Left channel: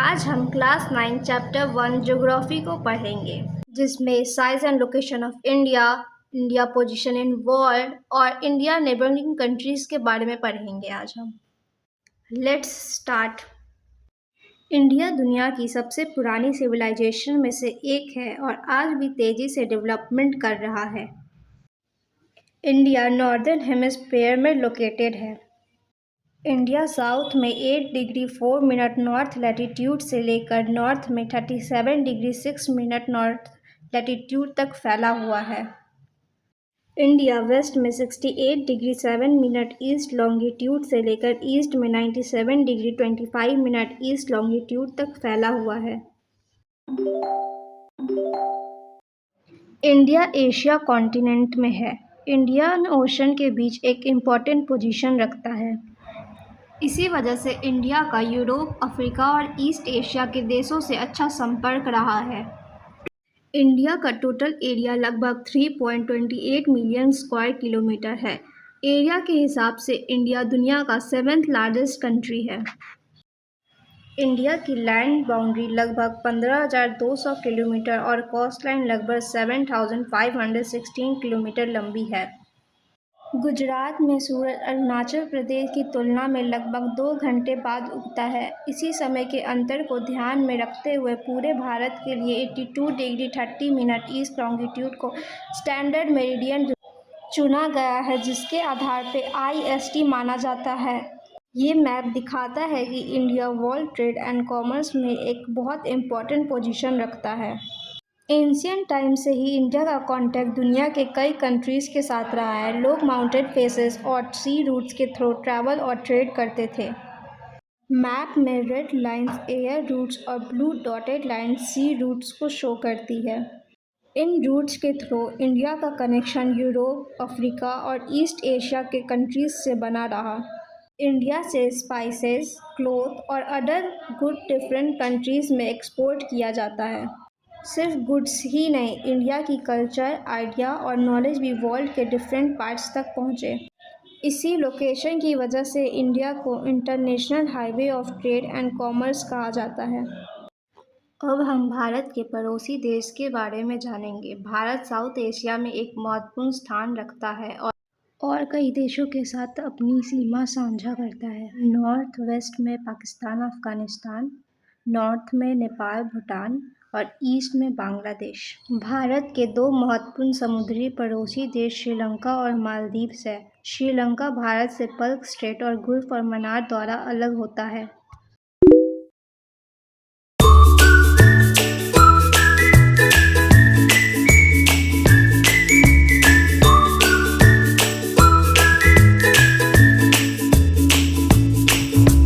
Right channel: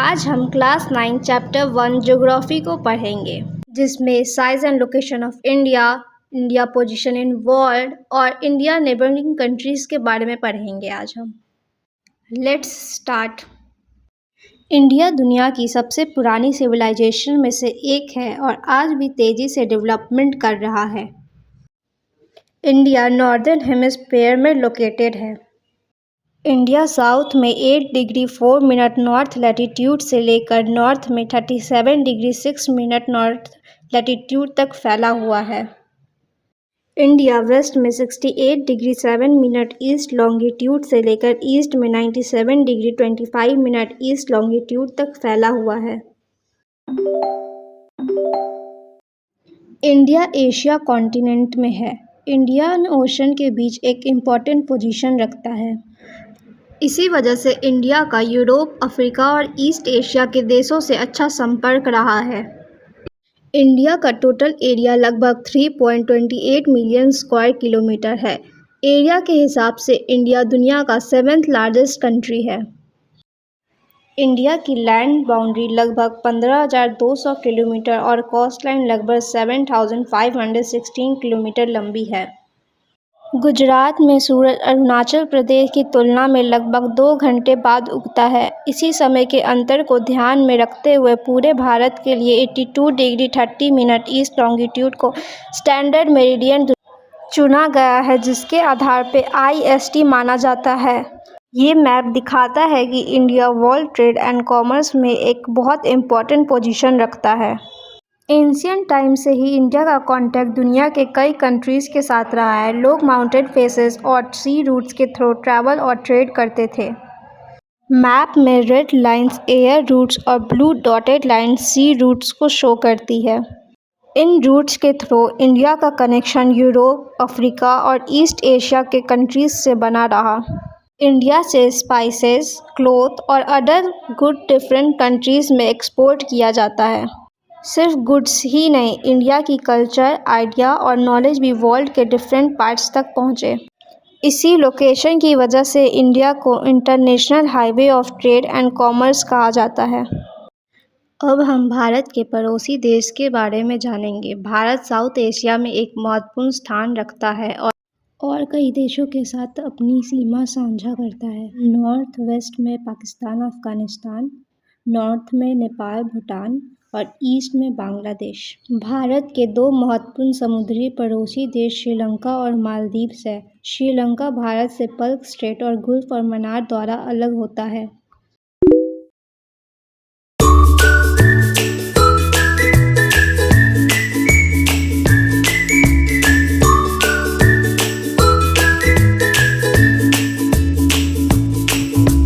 आज हम class 9 chapter 1 geography को पढ़ेंगे, जिसमें size and location of India, India position in world और इंडिया नेबरिंग कंट्रीज के बारे में पढ़ेंगे आज हम। Let's start. इंडिया दुनिया की सबसे पुरानी सिविलाइजेशन में से एक है और आज भी तेजी से डेवलपमेंट कर रहा है। इंडिया नॉर्दर्न हेमिस्फीयर में लोकेटेड है। इंडिया साउथ में 8 डिग्री 4 मिनट नॉर्थ लैटिट्यूड से लेकर नॉर्थ में 37 डिग्री 6 मिनट नॉर्थ लैटिट्यूड तक फैला हुआ है। इंडिया वेस्ट में 68 डिग्री 7 मिनट ईस्ट लॉन्गिट्यूड से लेकर ईस्ट में 97 डिग्री 25 मिनट ईस्ट लॉन्गिट्यूड तक फैला हुआ है। इंडिया एशिया कॉन्टिनेंट में है। इंडियन ओशन के बीच एक इम्पॉर्टेंट पोजीशन रखता है। इसी वजह से इंडिया का यूरोप, अफ्रीका और ईस्ट एशिया के देशों से अच्छा संपर्क रहा है। इंडिया का टोटल एरिया लगभग 3.28 मिलियन स्क्वायर किलोमीटर है। एरिया के हिसाब से इंडिया दुनिया का 7th लार्जेस्ट कंट्री है। इंडिया की लैंड बाउंड्री लगभग 15,200 किलोमीटर और कोस्ट लाइन लगभग 7,516 किलोमीटर लंबी है। गुजरात में सूरज अरुणाचल प्रदेश की तुलना में लगभग 2 घंटे बाद उगता है। इसी समय के अंतर को ध्यान में रखते हुए पूरे भारत के लिए 82 डिग्री 30 मिनट ईस्ट लॉन्गिट्यूड को स्टैंडर्ड मेरिडियन चुना गया है, जिसके आधार पर IST माना जाता है। ये मैप दिखाता है कि India world trade and commerce में एक बहुत इम्पोर्टेंट पोजीशन रखता है। एंशियंट टाइम से ही इंडिया का कांटेक्ट दुनिया के कई कंट्रीज़ के साथ रहा है। लोग माउंटेन फेसेस और सी रूट्स के थ्रू ट्रैवल और ट्रेड करते थे। मैप में रेड लाइंस एयर रूट्स और blue dotted lines sea routes को शो करती है। इन रूट्स के थ्रू इंडिया का कनेक्शन यूरोप, अफ्रीका और ईस्ट एशिया के कंट्रीज़ से बना रहा। इंडिया से स्पाइसेस, क्लोथ और अदर गुड डिफरेंट कंट्रीज़ में एक्सपोर्ट किया जाता है। सिर्फ गुड्स ही नहीं, इंडिया की कल्चर, आइडिया और नॉलेज भी वर्ल्ड के डिफरेंट पार्ट्स तक पहुँचे। इसी लोकेशन की वजह से इंडिया को international highway of trade and commerce कहा जाता है। अब हम भारत के पड़ोसी देश के बारे में जानेंगे। भारत साउथ एशिया में एक महत्वपूर्ण स्थान रखता है और कई देशों के साथ अपनी सीमा साझा करता है। नॉर्थ वेस्ट में पाकिस्तान, अफगानिस्तान, नॉर्थ में नेपाल, भूटान और ईस्ट में बांग्लादेश। भारत के 2 महत्वपूर्ण समुद्री पड़ोसी देश श्रीलंका और मालदीव हैं। श्रीलंका भारत से पल्क स्ट्रेट और गुल्फ और मन्नार द्वारा अलग होता है।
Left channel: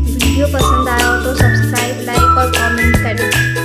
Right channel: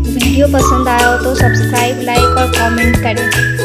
वीडियो पसंद आया हो तो सब्सक्राइब, लाइक और कमेंट करें।